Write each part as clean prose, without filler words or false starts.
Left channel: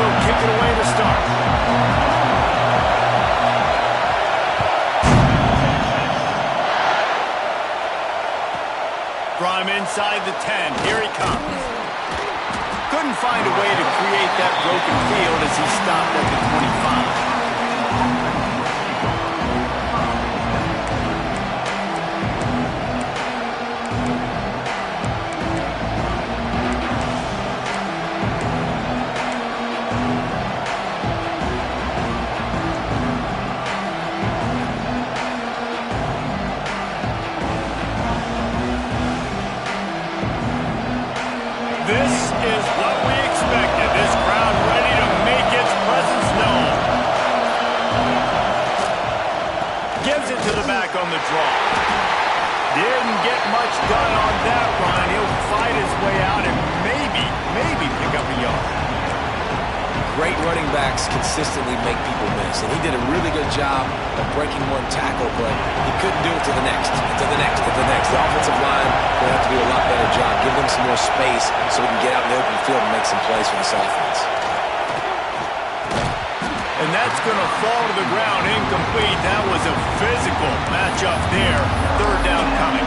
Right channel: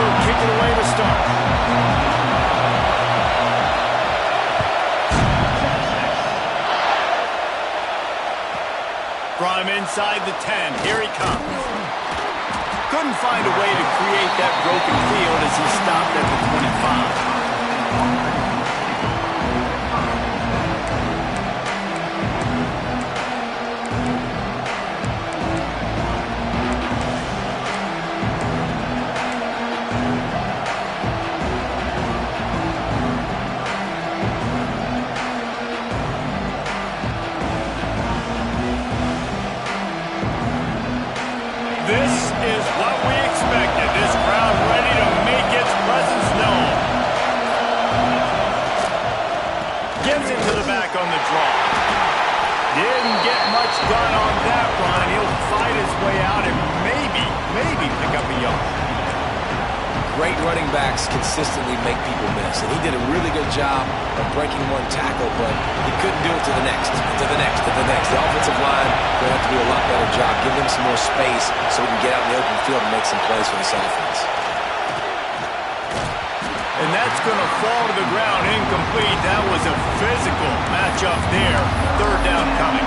will kick it away to start. From inside the 10, here he comes. Couldn't find a way to create that broken field as he stopped at the 25. This is what we expected. This crowd ready to make its presence known. Gives it to the back on the draw. Didn't get much done on that run. He'll fight his way out and maybe pick up a yard. Great running backs consistently make people miss, and he did a really good job of breaking one tackle, but he couldn't do it to the next, to the next, to the next. The offensive line will have to do a lot better job. Give them some more space so we can get out in the open field and make some plays for this offense. And that's going to fall to the ground incomplete. That was a physical matchup there. Third down coming.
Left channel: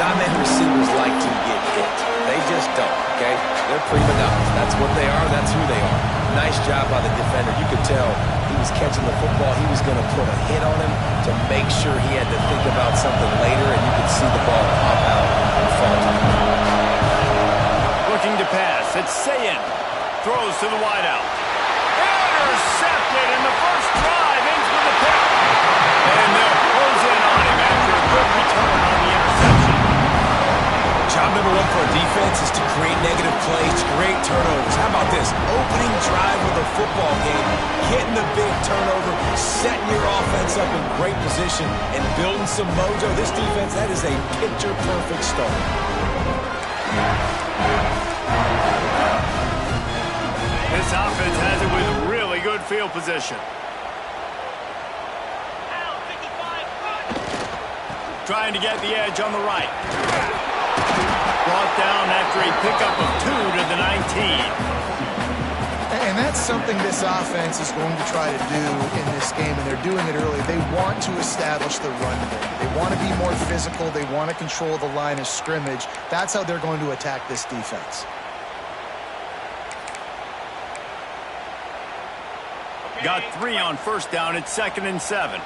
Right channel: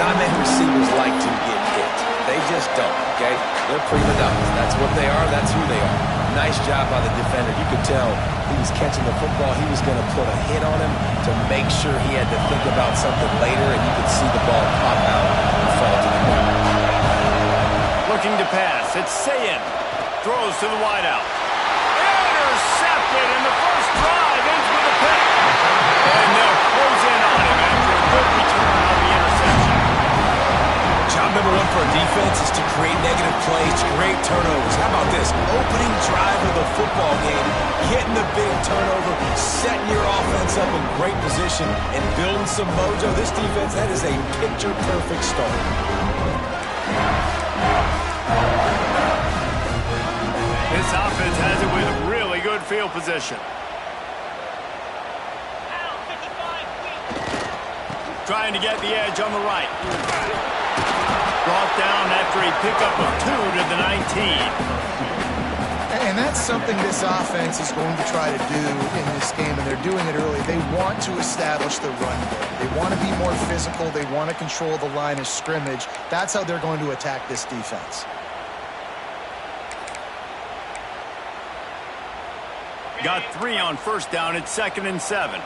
Non-man receivers like to get hit. They just don't, okay? They're prima donnas. That's what they are. That's who they are. Nice job by the defender. You could tell he was catching the football. He was going to put a hit on him to make sure he had to think about something later, and you could see the ball pop out and fall to the ground. Looking to pass. It's Sayin. Throws to the wideout. Intercepted, and the first drive ends with a pick. And they'll close in on him after a good return on the interception. Job number one for a defense is to create negative plays, to create turnovers. How about this? Opening drive of the football game, getting the big turnover, setting your offense up in great position, and building some mojo. This defense, that is a picture-perfect start. This offense has it with really good field position. Trying to get the edge on the right. Brought down after a pickup of 2 to the 19. And that's something this offense is going to try to do in this game, and they're doing it early. They want to establish the run game. They want to be more physical. They want to control the line of scrimmage. That's how they're going to attack this defense. Got 3 on first down. It's 2nd and 7.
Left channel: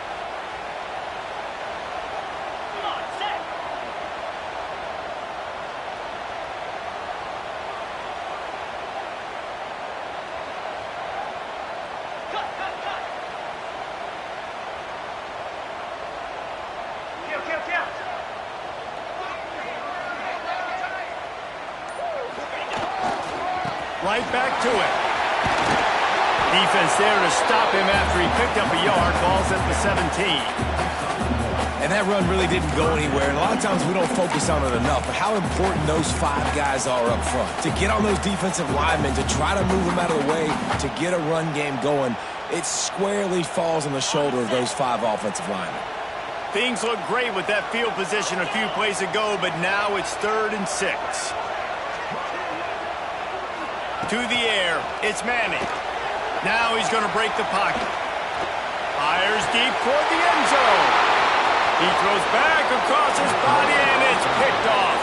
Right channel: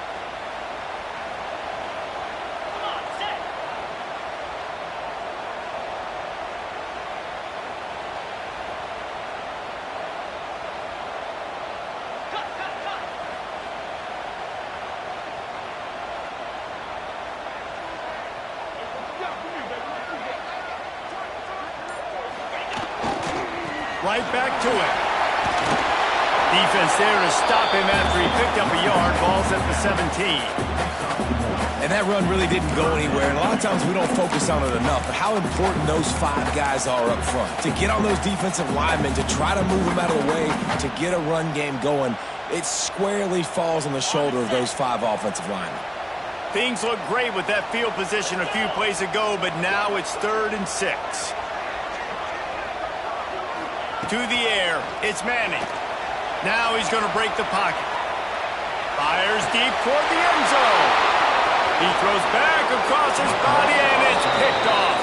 Right back to it. Defense there to stop him after he picked up a yard. Ball's at the 17. And that run really didn't go anywhere. And a lot of times we don't focus on it enough. But how important those 5 guys are up front. To get on those defensive linemen, to try to move them out of the way, to get a run game going, it squarely falls on the shoulder of those 5 offensive linemen. Things look great with that field position a few plays ago, but now it's 3rd and 6. To the air, it's Manning. Now he's going to break the pocket. Fires deep toward the end zone. He throws back across his body, and it's picked off.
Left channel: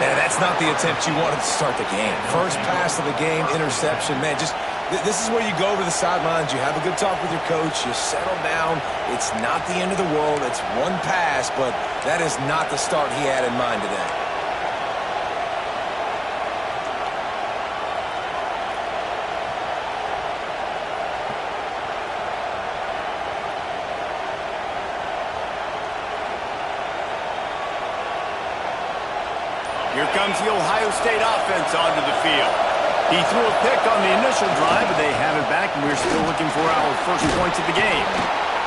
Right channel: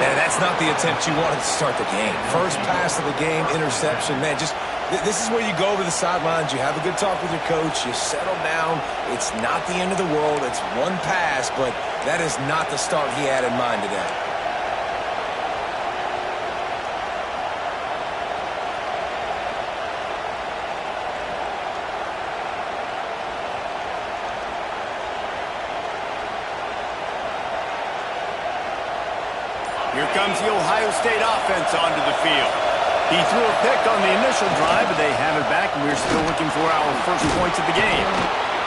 Man, that's not the attempt you wanted to start the game. First pass of the game, interception. Man, just this is where you go over the sidelines. You have a good talk with your coach. You settle down. It's not the end of the world. It's one pass, but that is not the start he had in mind today. Here comes the Ohio State offense onto the field. He threw a pick on the initial drive, but they have it back, and we're still looking for our first points of the game.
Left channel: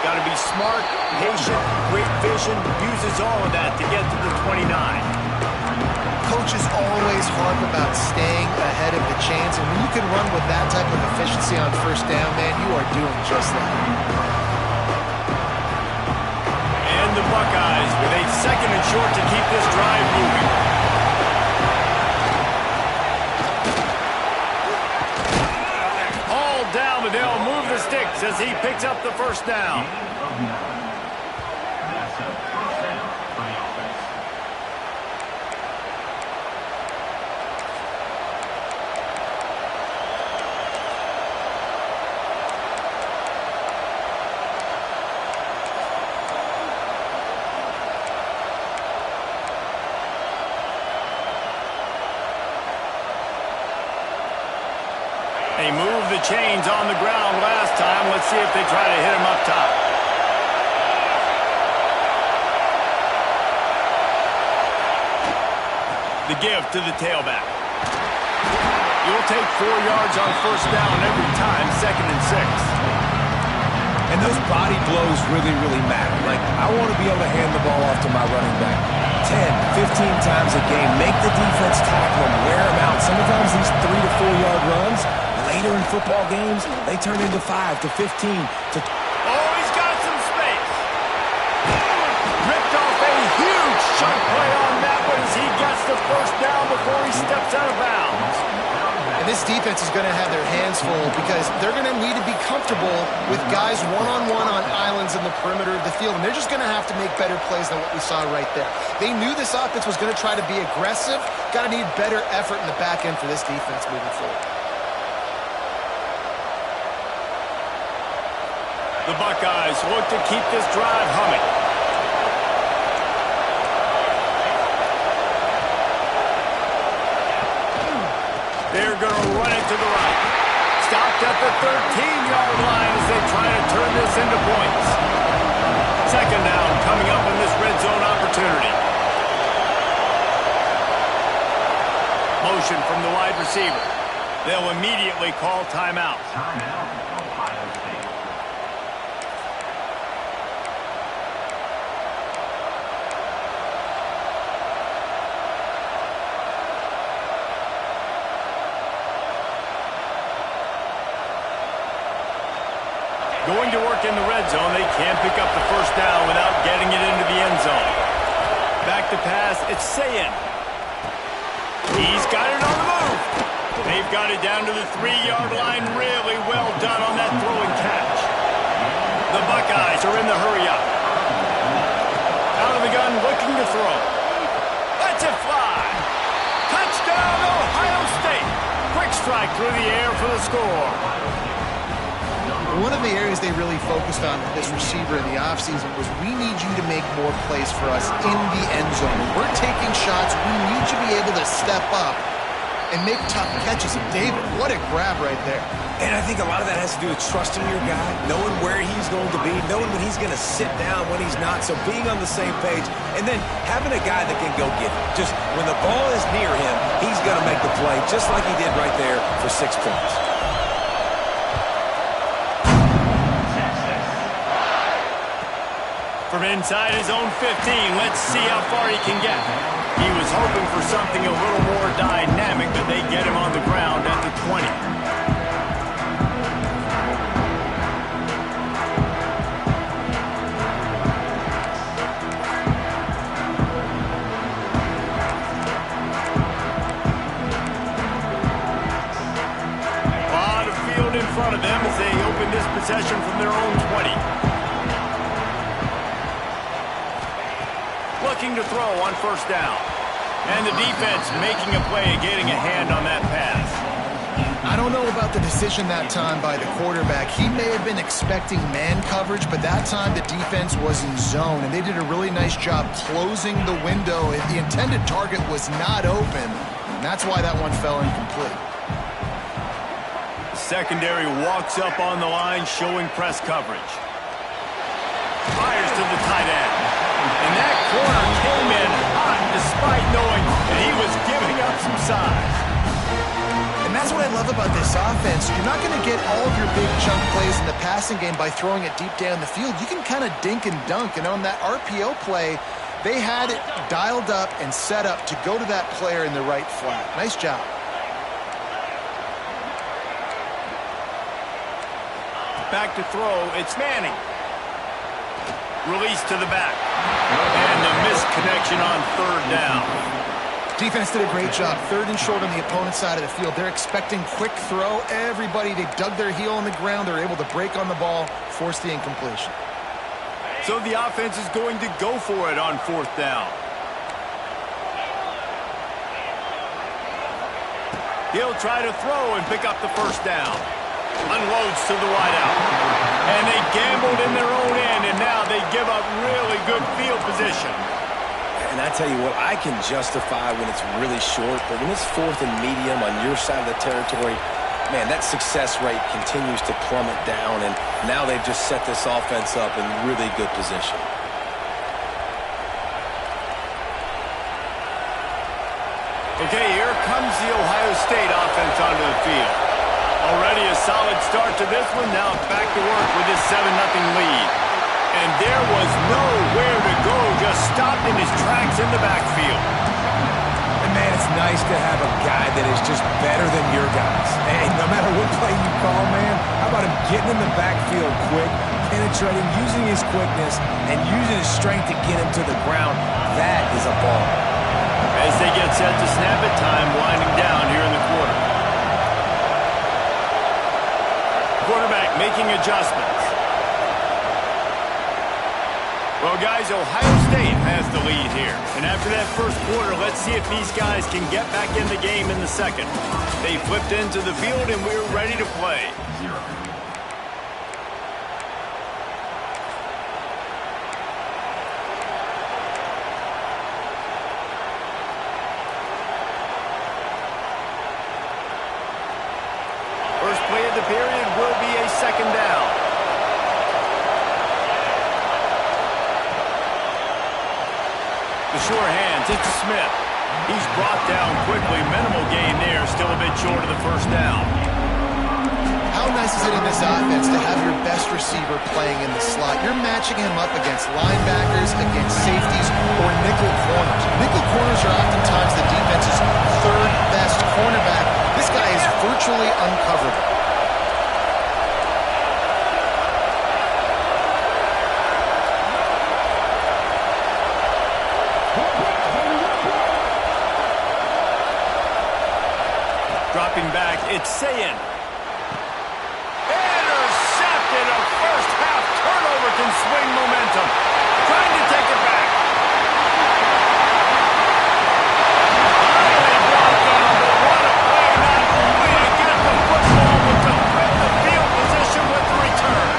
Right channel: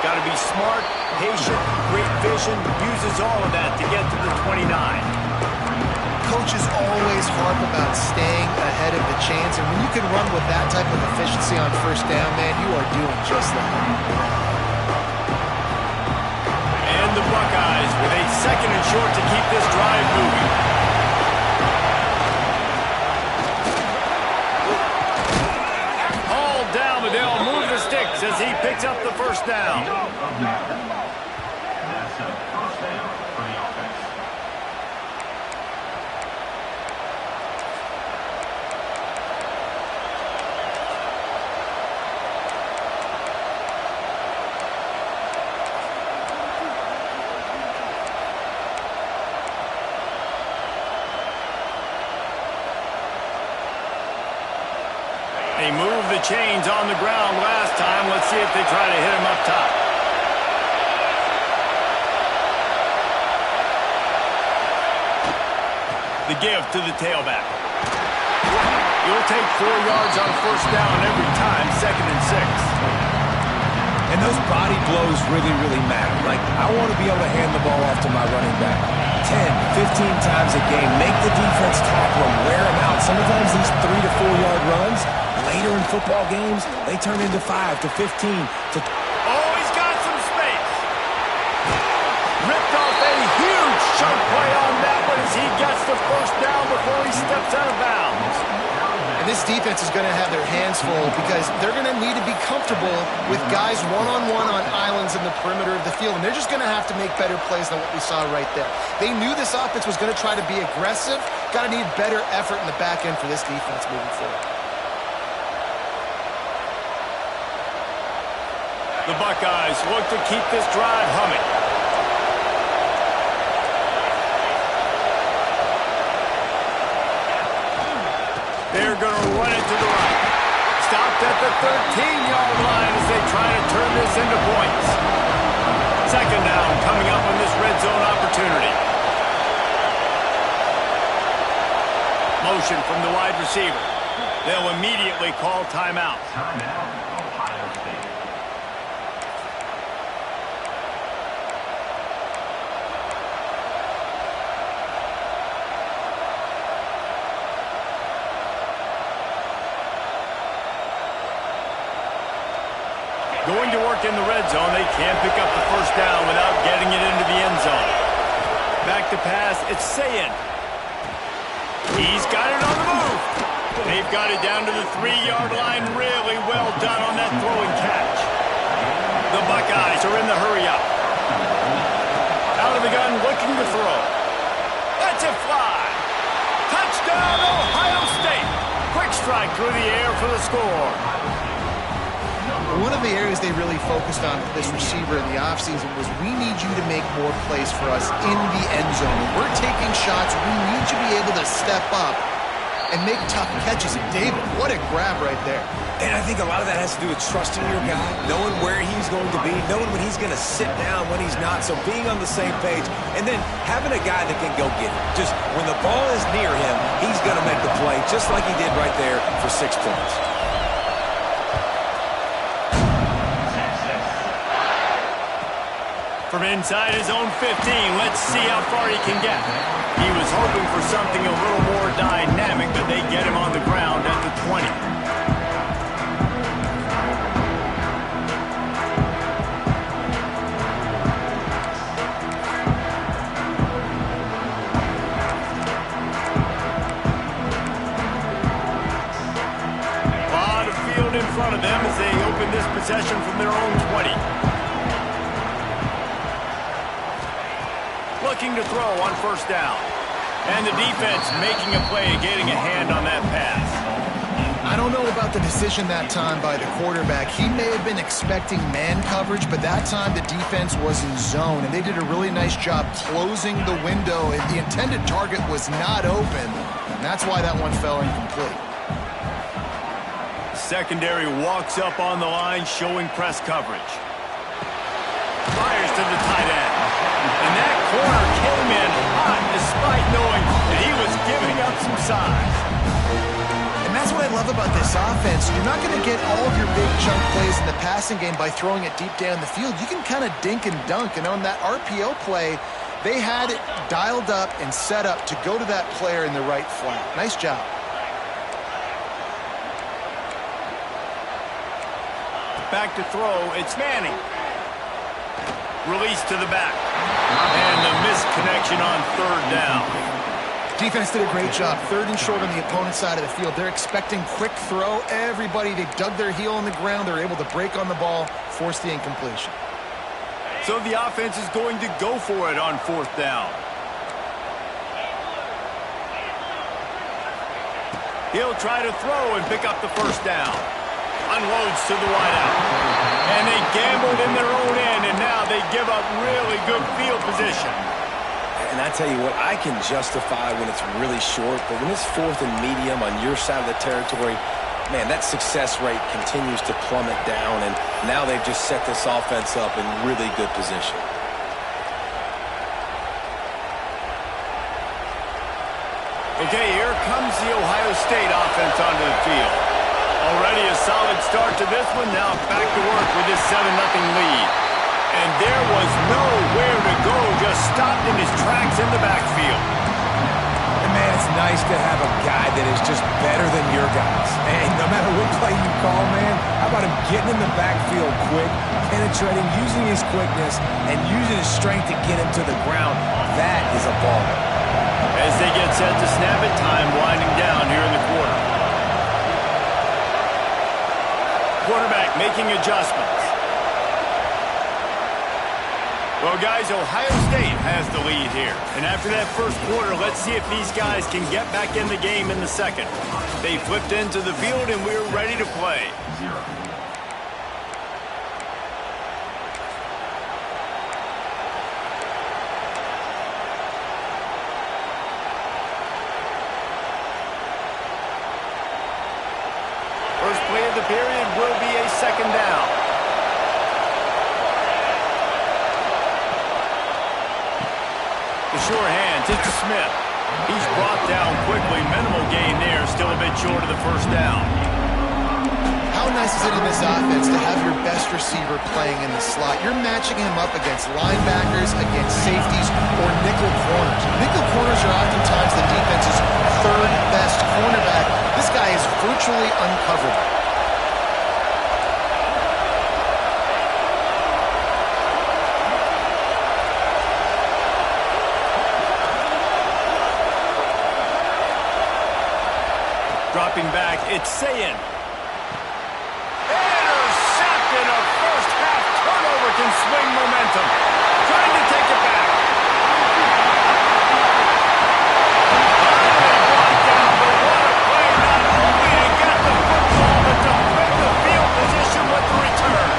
Got to be smart, patient, great vision, uses all of that to get to the 29. Coaches always harp about staying ahead of the chains, and when you can run with that type of efficiency on first down, man, you are doing just that. And the Buckeyes with a 2nd and short to keep this drive moving. 6 as he picks up the first down. That's a first down for the offense. They moved the chains on the ground last time. Let's see if they try to hit him up top. The give to the tailback. You'll take 4 yards on first down every time, 2nd and 6. And those body blows really, really matter. Like, I want to be able to hand the ball off to my running back 10, 15 times a game. Make the defense tackle him, wear him out. Sometimes these 3 to 4 yard runs, later in football games, they turn into 5 to 15 to... Oh, he's got some space. Ripped off a huge chunk play on that one as he gets the first down before he steps out of bounds. And this defense is going to have their hands full because they're going to need to be comfortable with guys one-on-one on islands in the perimeter of the field. And they're just going to have to make better plays than what we saw right there. They knew this offense was going to try to be aggressive. Got to need better effort in the back end for this defense moving forward. The Buckeyes look to keep this drive humming. They're going to run it to the right. Stopped at the 13-yard line as they try to turn this into points. 2nd down coming up on this red zone opportunity. Motion from the wide receiver. They'll immediately call timeout. Timeout, Ohio State. Going to work in the red zone, they can't pick up the first down without getting it into the end zone. Back to pass, it's Sayin. He's got it on the move. They've got it down to the 3-yard line. Really well done on that throw and catch. The Buckeyes are in the hurry up. Out of the gun, looking to throw. Lets it fly. Touchdown, Ohio State. Quick strike through the air for the score. One of the areas they really focused on with this receiver in the offseason was we need you to make more plays for us in the end zone. When we're taking shots, we need you to be able to step up and make tough catches. And David, what a grab right there. And I think a lot of that has to do with trusting your guy, knowing where he's going to be, knowing when he's going to sit down, when he's not. So being on the same page, and then having a guy that can go get it. Just when the ball is near him, he's going to make the play, just like he did right there for 6 points. From inside his own 15, let's see how far he can get. He was hoping for something a little more dynamic, but they get him on the ground at the 20. A lot of field in front of them as they open this possession from their own 20. Looking to throw on first down. And the defense making a play, getting a hand on that pass. I don't know about the decision that time by the quarterback. He may have been expecting man coverage, but that time the defense was in zone, and they did a really nice job closing the window. The intended target was not open, and that's why that one fell incomplete. Secondary walks up on the line, showing press coverage. Fires to the tight end. And that corner came in hot despite knowing that he was giving up some size. And that's what I love about this offense. You're not going to get all of your big chunk plays in the passing game by throwing it deep down the field. You can kind of dink and dunk. And on that RPO play, they had it dialed up and set up to go to that player in the right flat. Nice job. Back to throw, it's Manning. Release to the back. And the missed connection on third down. Defense did a great job. 3rd and short on the opponent's side of the field. They're expecting quick throw. Everybody, they dug their heel on the ground. They're able to break on the ball, force the incompletion. So the offense is going to go for it on 4th down. He'll try to throw and pick up the 1st down. Unloads to the wideout. And they gambled in their own end, and now they give up really good field position. And I tell you what, I can justify when it's really short, but when it's 4th and medium on your side of the territory, man, that success rate continues to plummet down, and now they've just set this offense up in really good position. Okay, here comes the Ohio State offense onto the field. Already a solid start to this one. Now back to work with this 7-0 lead. And there was nowhere to go, just stopped in his tracks in the backfield. And man, it's nice to have a guy that is just better than your guys. And no matter what play you call, man, how about him getting in the backfield quick, penetrating, using his quickness, and using his strength to get him to the ground? That is a ball. As they get set to snap it, time winding down here in the quarter. Quarterback making adjustments. Well, guys, Ohio State has the lead here. And after that first quarter, let's see if these guys can get back in the game in the second. They flipped into the field, and we're ready to play. 0. First play of the period will be a 2nd down. The sure hands, it's to Smith. He's brought down quickly. Minimal gain there, still a bit short of the 1st down. How nice is it in this offense to have your best receiver playing in the slot? You're matching him up against linebackers, against safeties, or nickel corners. Nickel corners are oftentimes the defense's 3rd best cornerback. This guy is virtually uncoverable. Dropping back, it's Sayin. Intercepted. A first-half turnover can swing momentum. Trying to take it back. Finally brought down, but what a play. Not only to get the football, but to flip the field position with the return.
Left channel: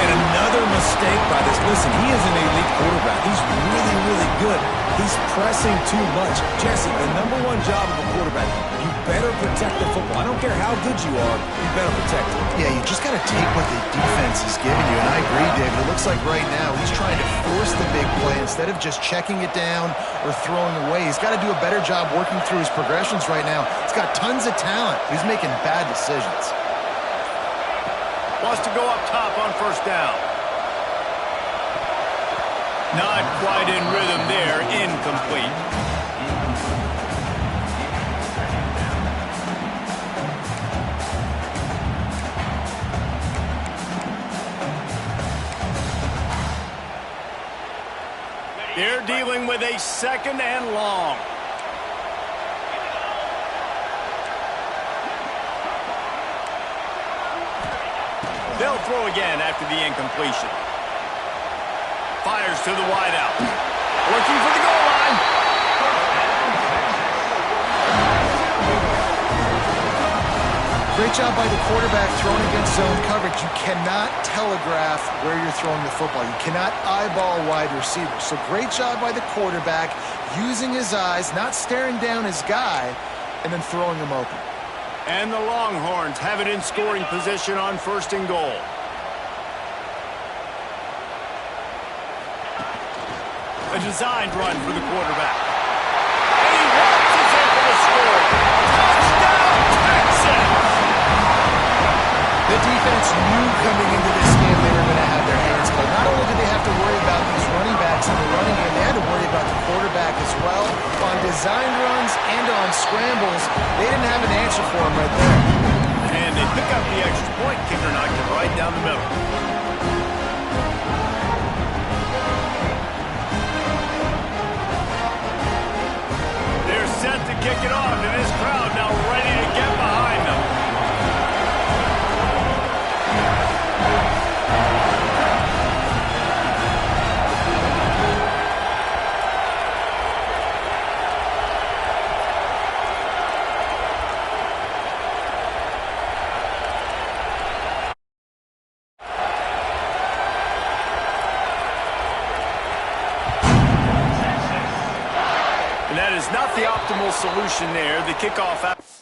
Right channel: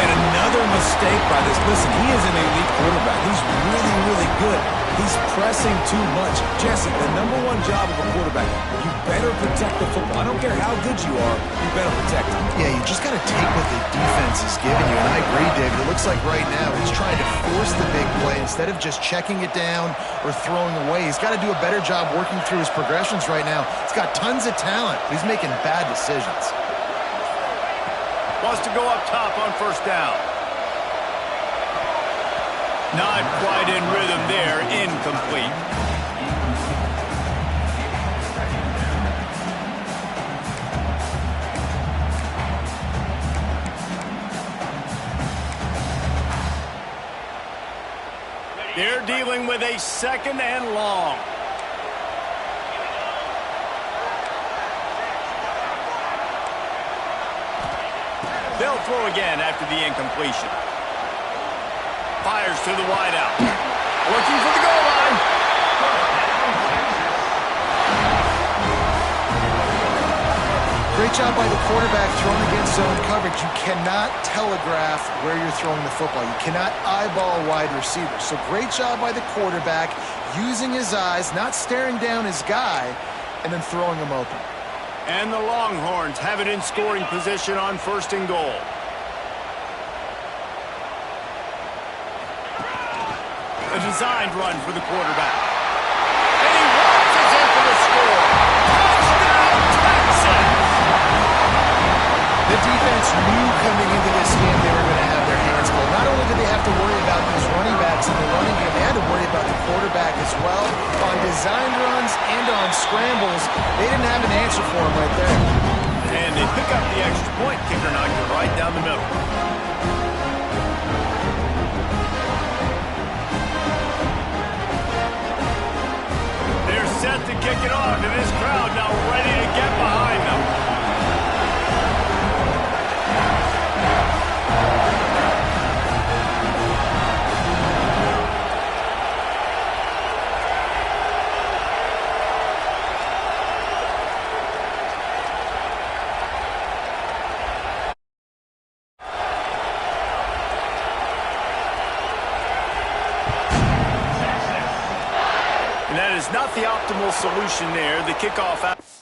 Man, another mistake by this. Listen, he is an elite quarterback. He's really, really good. He's pressing too much. Jesse, the #1 job of a quarterback, you better protect the football. I don't care how good you are, you better protect it. Yeah, you just got to take what the defense is giving you, and I agree, David. It looks like right now he's trying to force the big play instead of just checking it down or throwing away. He's got to do a better job working through his progressions right now. He's got tons of talent, but he's making bad decisions. Wants to go up top on 1st down. Not quite in rhythm there, incomplete. They're dealing with a 2nd and long. They'll throw again after the incompletion. Fires to the wideout. Looking for the goal line. Great job by the quarterback throwing against zone coverage. You cannot telegraph where you're throwing the football. You cannot eyeball wide receivers. So great job by the quarterback using his eyes, not staring down his guy, and then throwing him open. And the Longhorns have it in scoring position on 1st and goal. A designed run for the quarterback. And he waltzes in for the score. Touchdown, Texas! The defense knew coming into this game they were going to have their hands full. Not only did they have to worry about these running backs in the running game, they had to worry about the quarterback as well. On designed runs and on scrambles, they didn't have an answer for him right there. And they pick up the extra point. Kicker knocked it right down the middle. set to kick it off, and this crowd now ready to get behind them. And that is not the optimal solution there. The kickoff out.